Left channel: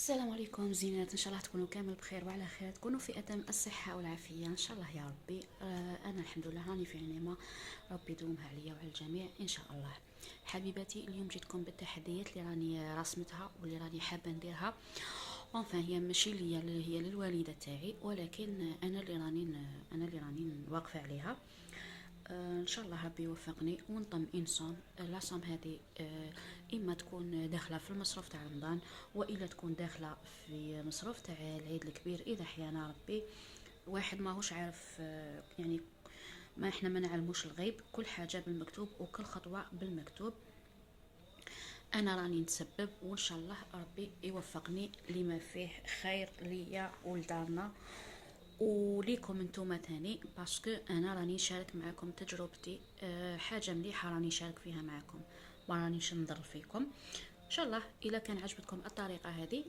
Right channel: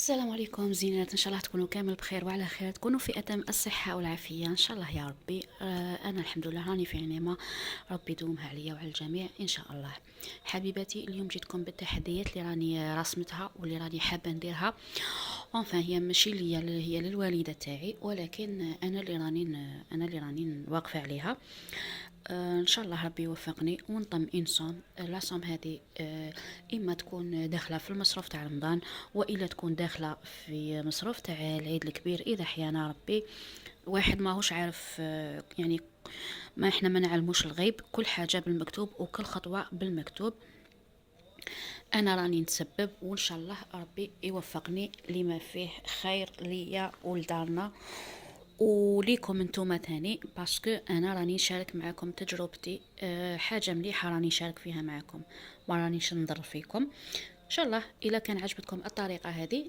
السلام عليكم زينات، ان شاء الله تكونوا كامل بخير وعلى خير، تكونوا في اتم الصحه والعافيه ان شاء الله يا ربي. انا الحمد لله راني في نعمه، ربي يدومها عليا وعلى الجميع ان شاء الله. حبيباتي، اليوم جيتكم بالتحديات اللي راني رسمتها واللي راني حابه نديرها. هي ماشي ليا، هي للوالده تاعي، ولكن انا اللي راني واقفه عليها. ان شاء الله ربي يوفقني ونطم انسان لاصوم هذه. اما تكون داخله في المصروف تاع رمضان، والا تكون داخله في مصروف تاع العيد الكبير اذا حيانا ربي. واحد ماهوش عارف، يعني ما احنا ما نعلموش الغيب، كل حاجه بالمكتوب وكل خطوه بالمكتوب. انا راني نتسبب وان شاء الله ربي يوفقني لما فيه خير ليا ولدارنا وليكم انتوما تاني، باسكو انا راني نشارك معاكم تجربتي. حاجه مليحه راني نشارك فيها معاكم، ما رانيش نضر فيكم. ان شاء الله اذا كان عجبتكم الطريقه هذه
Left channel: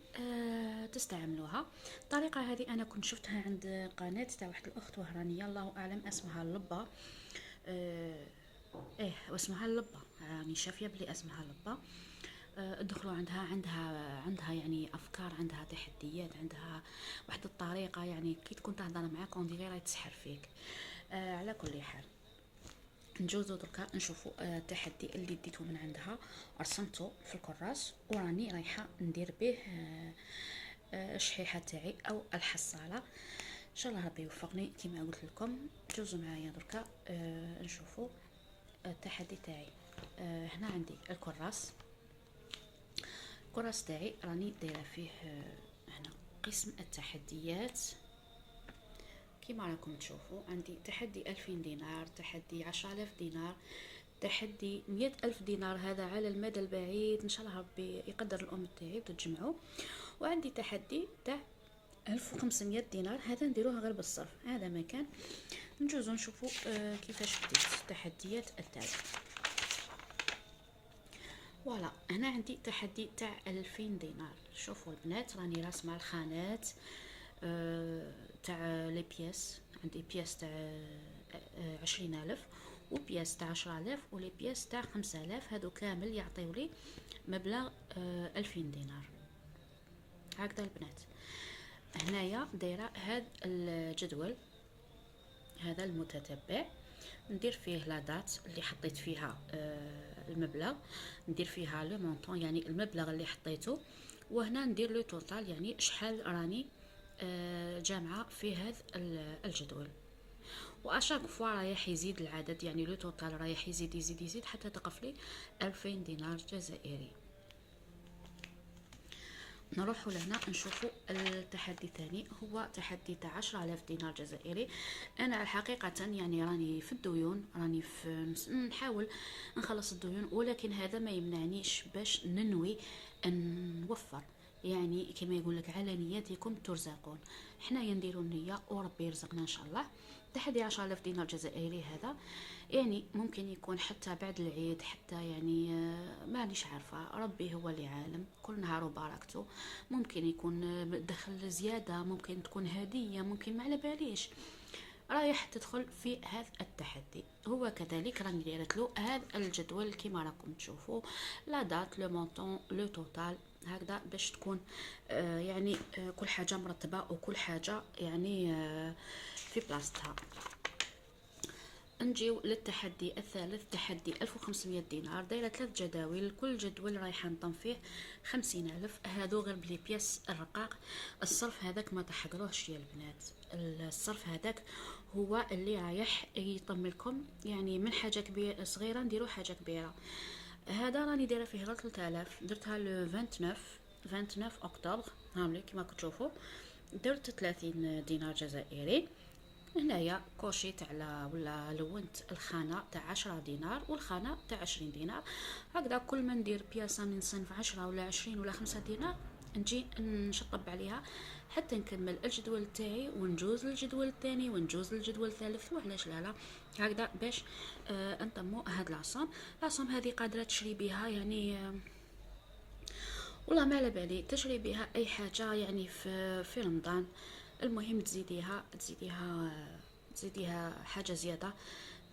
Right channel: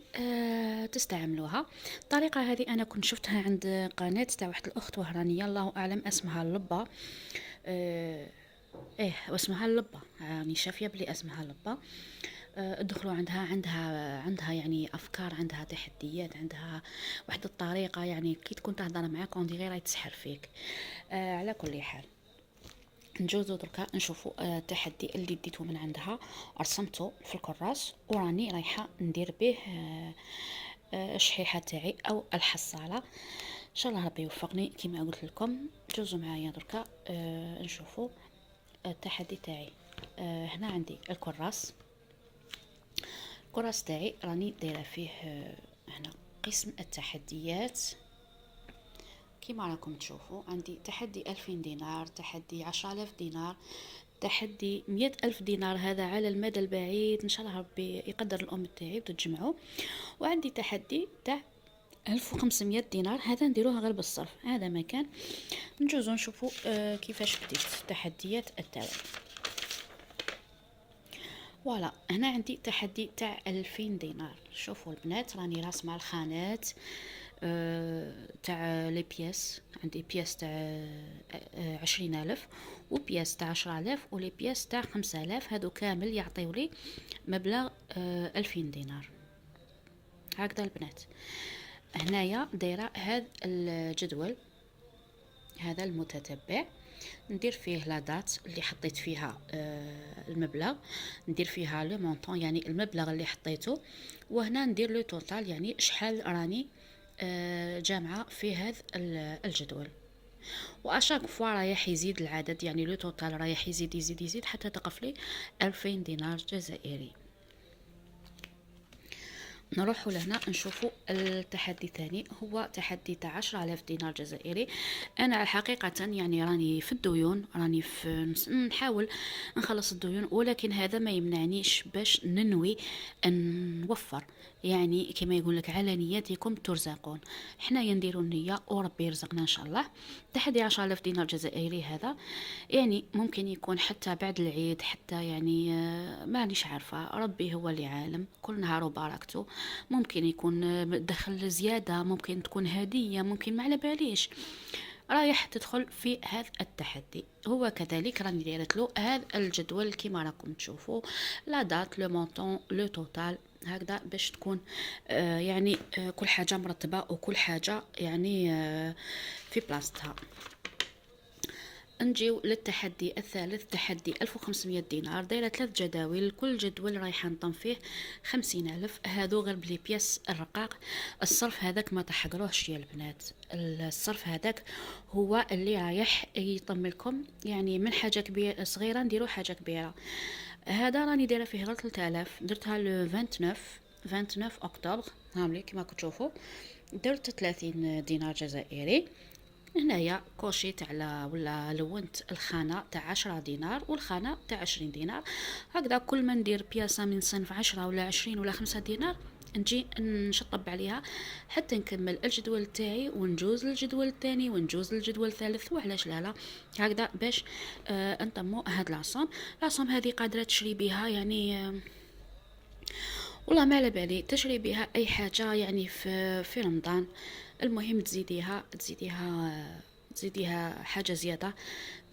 تستعملوها. الطريقه هذه انا كنت شفتها عند قناه تاع واحد الاخت وهرانيه، الله اعلم اسمها اللبه. آه واسمها اللبه، راني شافيه بلي اسمها اللبه. ادخلوا عندها يعني افكار، عندها تحديات، عندها واحد الطريقه، يعني كي تكون تهضر معاك اون ديغي راهي تسحر فيك. على كل حال، نجوزو دركا نشوفوا التحدي اللي ديته من عندها، رسمته في الكراس وراني رايحه ندير به الشحيحه تاعي او الحصاله. ان شاء الله ربي يوفقني كما قلت لكم. جوزوا معايا دركا نشوفوا التحدي تاعي. هنا عندي الكراس تاعي راني دايره فيه هنا قسم التحديات. كما راكم تشوفوا عندي تحدي 2000 دينار، تحدي 10000 دينار، تحدي 100,000 دينار، هذا على المدى البعيد ان شاء الله ربي يقدر الام تاعي وتتجمعوا. وعندي تحدي تاع 1500 دينار، هذا نديروها غير بالصرف، هذا مكان. نجوزو نشوفوا كيفاش بديت التحديات التالي. فوالا، هنا عندي تحدي تاع 2000 دينار. شوفوا البنات، راني راسمه الخانات تاع لي بياس. عندي بياس تاع 20,000 وبياس تاع 10,000 ولي بياس تاع 5,000، هادو كامل يعطيو لي مبلغ 2000 دينار. هكذا البنات. هنايا دايره هذا الجدول، هذا المتتبع، ندير فيه لا دات اللي حطيت فيها المبلغ، ندير فيها لو مونطون يعني المبلغ اللي حطيته، وهنا ندير لو توتال يعني شحال راني جامعه في هذا الجدول. واشاك فوا رايح يزيد العدد، يعني لو توتال رايح يزيد يزيد يزيد حتى تقف لي 2000 دينار جزائري. نروحوا لهنا نشوفوا التحدي الثاني، هو تحدي تاع 10,000 دينار جزائري. انا الحقيقه يعني راني في الديون، راني في نحاول نخلص الديون، ولكن هذا ما يمنعنيش باش ننوي ان نوفر. يعني كما يقول لك على نياتكم ترزقون، حنايا نديروا النيه وربي يرزقنا ان شاء الله. تحدي 10,000 دينار جزائري هذا يعني ممكن يكون حتى بعد العيد، حتى يعني مانيش عارفة، ربي هو اللي عالم، كل نهار وبركته. ممكن يكون دخل زيادة، ممكن تكون هدية، ممكن ما على باليش. رايح تدخل في هذا التحدي. هو كذلك راني دايرت له هذا الجدول كما راكم تشوفوا، لا دات لو مونطون لو توتال، هكذا باش تكون يعني كل حاجة مرتبة وكل حاجة يعني في بلاصتها. نجيو للتحدي الثالث، تحدي 1500 دينار، دايرة 3 جداول، كل جدول رايحة نطم فيه 50,000، هادو غير بلي بياس الرقاق. الصرف هذاك ما تحقروهش يا البنات، الصرف هذاك هو اللي رايح يطم لكم، يعني من حاجة كبيرة صغيرة نديرو حاجة كبيرة. هذا راني دايره فيه غير 3000، درتها لو 29 اكتوبر، هاملي كما كتشوفوا، درت 30 دينار جزائري. هنايا كوشيت على ولا لونت الخانة تاع 10 دينار والخانة تاع 20 دينار، هكذا كل ما ندير بياسة من صنف 10 ولا 20 ولا 5 دينار نجي نشطب عليها حتى نكمل الجدول تاعي ونجوز للجدول الثاني ونجوز للجدول الثالث. وعلاش لا هكذا باش نطمو هاد لاصوم هذه قادرة تشري بها يعني والله ما على بالي تشري بها اي حاجه يعني في رمضان. المهم تزيديها حاجه زياده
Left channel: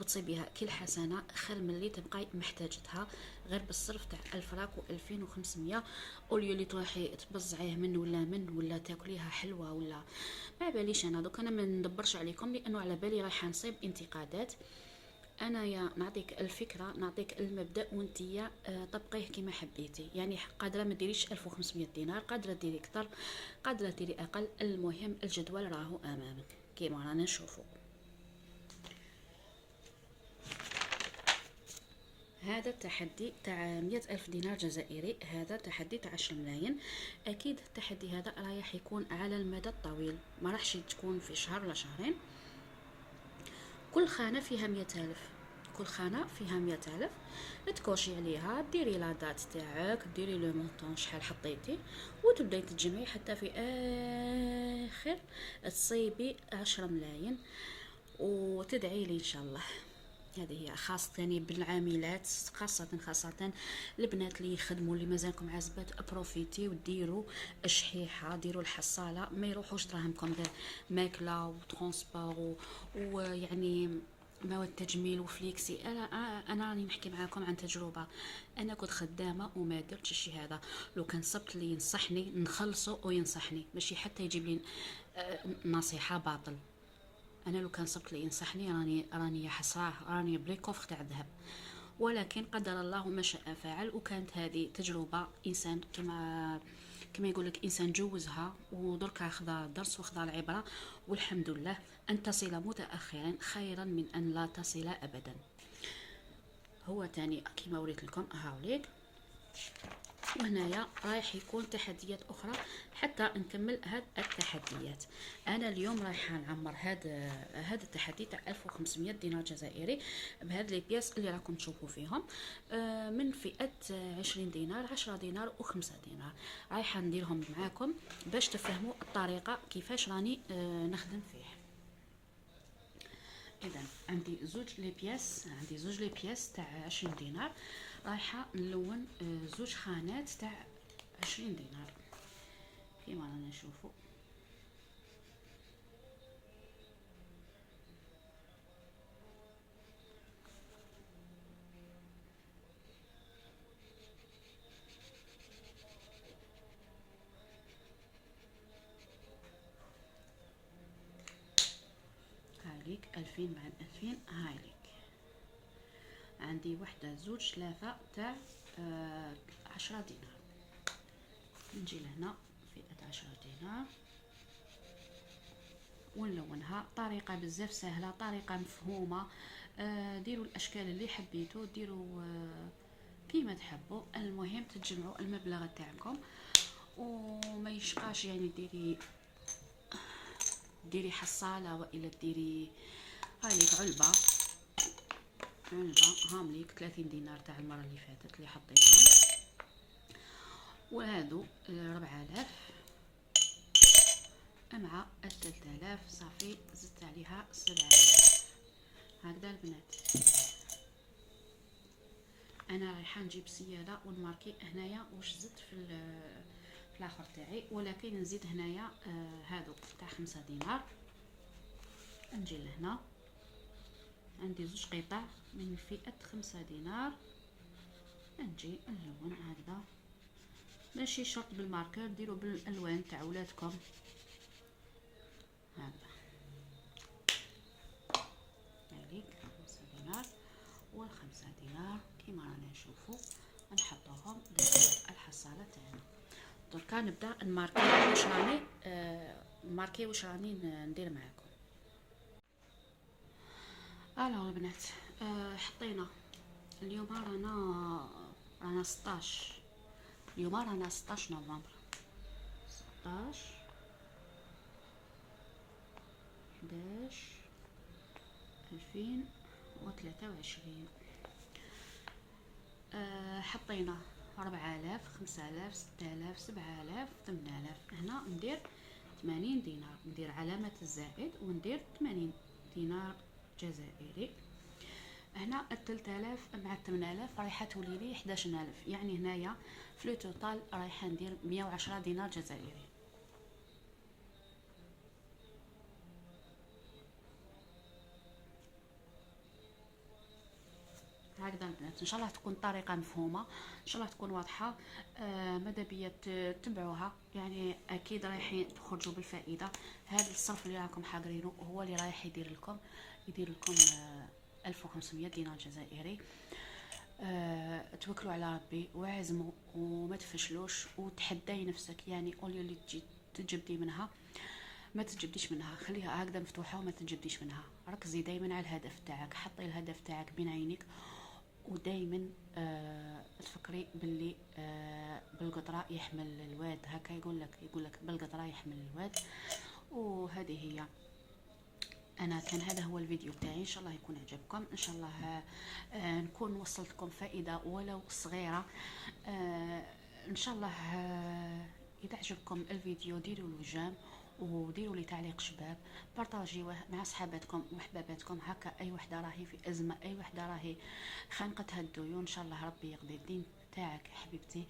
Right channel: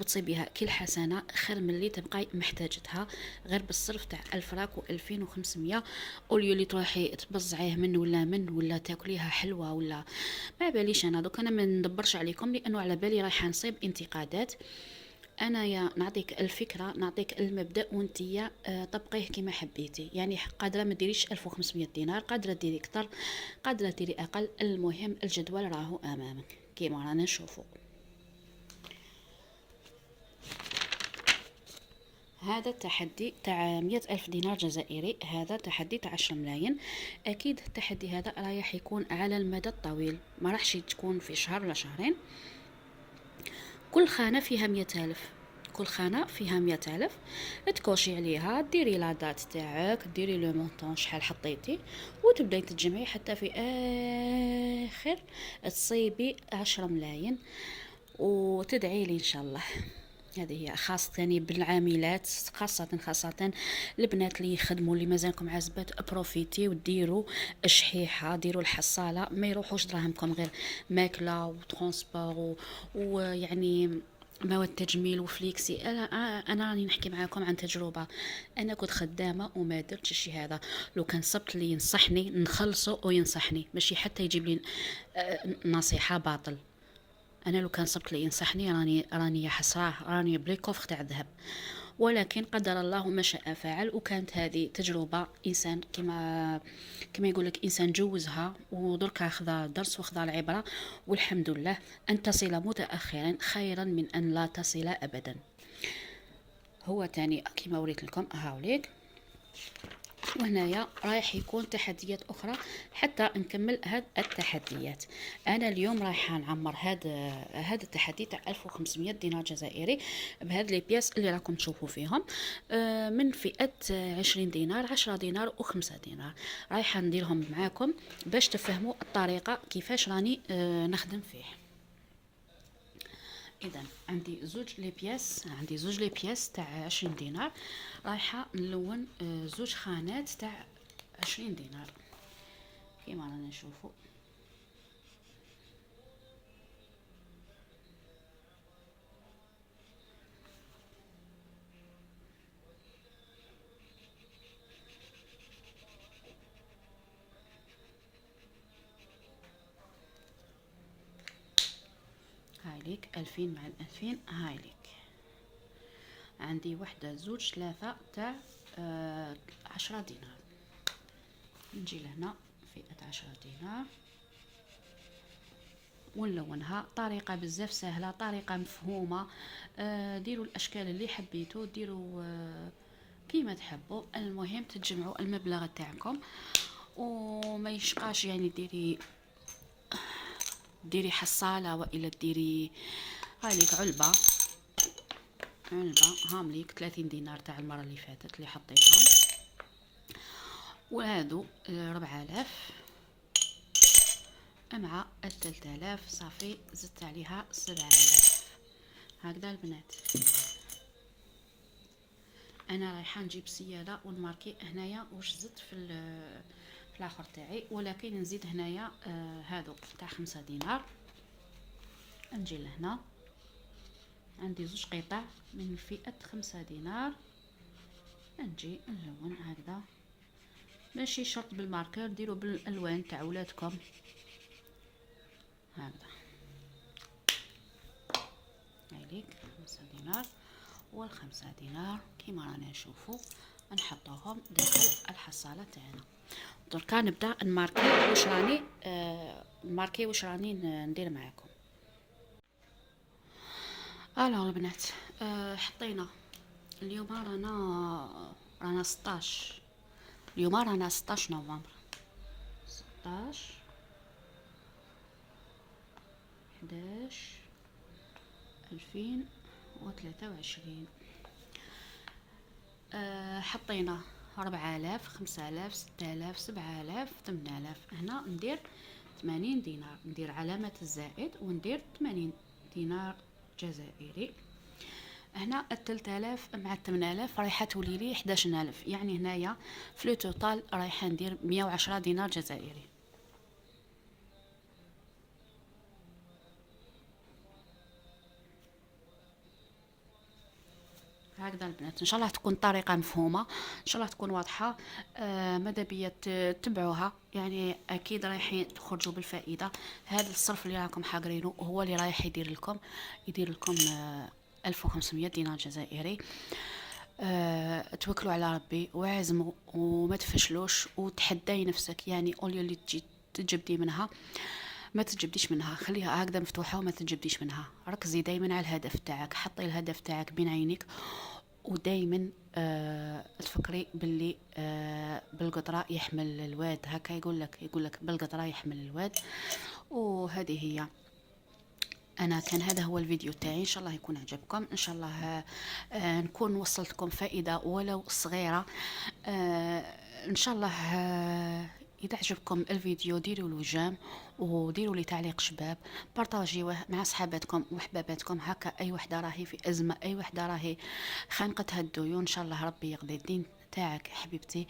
وتصيبيها كل حسنه خير من اللي تبقاي محتاجتها غير بالصرف تاع 1000 راك و2500، اوليو اللي تروحي تبزعيه من ولا تاكليها حلوه ولا ما باليش. انا دوك انا ما ندبرش عليكم لانه على بالي رايحه نصيب انتقادات. انا يا نعطيك الفكره، نعطيك المبدا وانتيا طبقيه كما حبيتي. يعني قادره ما ديريش 1500 دينار، قادره ديري اكثر، قادره ديري اقل، المهم الجدول راهو امامك كيما رانا نشوفو. هذا التحدي تاع 100,000 دينار جزائري، هذا تحدي تاع 10 ملايين. اكيد التحدي هذا رايح يكون على المدى الطويل، ما راحش تكون في شهر ولا شهرين. كل خانة فيها 100,000، كل خانة فيها 100,000. تكوشي عليها، ديري لا دات تاعك، ديري لو مونطون شحال حطيتي، وتبداي تجمعي حتى في اخر تصيبي 10 ملايين وتدعي لي ان شاء الله. هذه هي خاصة بالعاملات، خاصة البنات اللي يخدموا، اللي مازالكم عازبات، بروفيتي وديروا الشحيحة، ديروا الحصالة، ما يروحوش دراهمكم غير ماكلة وترونسبور ويعني مواد تجميل وفليكسي. انا راني نحكي معاكم عن تجربه. انا كنت خدامه وما درتش الشيء هذا. لو كان صبت اللي ينصحني نخلصه وينصحني، ماشي حتى يجيب لي نصيحه باطل. انا لو كان صبت لي ينصحني راني يا حسراه، راني بلي كوفر تاع الذهب. ولكن قدر الله ما شاء فعل، وكانت هذه تجربه انسان كما يقول لك انسان جوزها ودركا خذا درس وخذا العبره. والحمد لله، ان تصل متاخرا خيرا من ان لا تصل ابدا. هو تاني كما وريت لكم هاوليك، وهنايا رايح يكون تحديات اخرى حتى نكمل هاد التحديات. انا اليوم رايحه نعمر هذا التحدي تاع 1500 دينار جزائري بهاد لي بياس اللي راكم تشوفوا فيهم، من فئه 20 دينار، 10 دينار و5 دينار. رايحه نديرهم معاكم باش تفهموا الطريقه كيفاش راني نخدم فيه. اذا عندي زوج لي بياس تاع 20 دينار. رايحه نلون زوج خانات تاع 20 دينار كيما رانا نشوفوا. هايليك 2000 مع 2000. هايليك عندي وحده زوج ثلاثه تاع 10 دينار. نجي لهنا فئه 10 دينار ونلونها. طريقه بزاف سهله، طريقه مفهومه. ديروا الاشكال اللي حبيتوا، ديروا كيما تحبوا، المهم تجمعوا المبلغ تاعكم وما يشقاش. يعني ديري حصاله والا ديري هاليك علبه هامليك 30 دينار تاع المره اللي فاتت اللي حطيتهم، وهادو 4000 مع 3000 صافي زدت عليها 7000. هكذا البنات. انا رايحه نجيب سياله ونماركي هنايا واش زدت في الاخر تاعي، ولكن نزيد هنايا هادو تاع 5 دينار. نجي لهنا عندي زوج قطع من فئه 5 دينار. نجي نلون هكذا، ماشي شرط بالماركر، ديروا بالالوان تاع ولادكم هكذا. هذيك 5 دينار والخمسة دينار كيما رانا نشوفوا نحطوهم داخل الحصاله تاعنا. دركا نبدا نماركي واش راني ندير معاكم. البنات، حطينا اليوم رانا 16. اليوم رانا 16 نوفمبر. 16 11 2023. حطينا 4000 5000 6000 7000 8000. هنا ندير 80 دينار، ندير علامة الزائد وندير 80 دينار جزائري. هنا 3000 مع 8000 رايحه تولي لي 11000. يعني هنايا في لو توتال رايحه ندير 110 دينار جزائري. هكذا البنات ان شاء الله تكون الطريقه مفهومه، ان شاء الله تكون واضحه. ماذا بيا تتبعوها، يعني اكيد رايحين تخرجوا بالفائده. هذا الصرف اللي راكم حاقرينه هو اللي رايح يدير لكم 1500 دينار جزائري. توكلوا على ربي وعزموا وما تفشلوش وتحداي نفسك، يعني اوليو اللي تجي تجبدي منها ما تتجبديش منها، خليها هكذا مفتوحه وما تتجبديش منها. ركزي دائما على الهدف تاعك، حطي الهدف تاعك بين عينيك، ودائما تفكري باللي بالقطره يحمل الواد، هكا يقول لك بالقطره يحمل الواد. وهذه هي. انا كان هذا هو الفيديو تاعي، ان شاء الله يكون عجبكم، ان شاء الله نكون وصلتكم فائده ولو صغيره. آه، ان شاء الله اذا عجبكم الفيديو ديروا له جيم وديروا لي تعليق شباب، بارطاجيوه مع صحاباتكم وحباباتكم. هكا اي وحده راهي في ازمه، اي وحده راهي خانقتها الديون، ان شاء الله ربي يقضي الدين تاعك حبيبتي،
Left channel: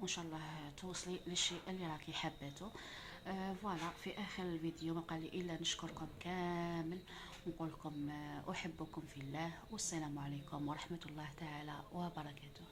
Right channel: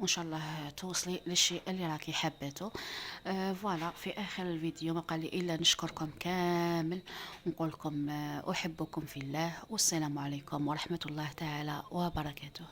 وان شاء الله توصلي للشيء اللي راكي حبيته. فوالا، في اخر الفيديو ما قال لي الا نشكركم كامل ونقول لكم احبكم في الله، والسلام عليكم ورحمه الله تعالى وبركاته.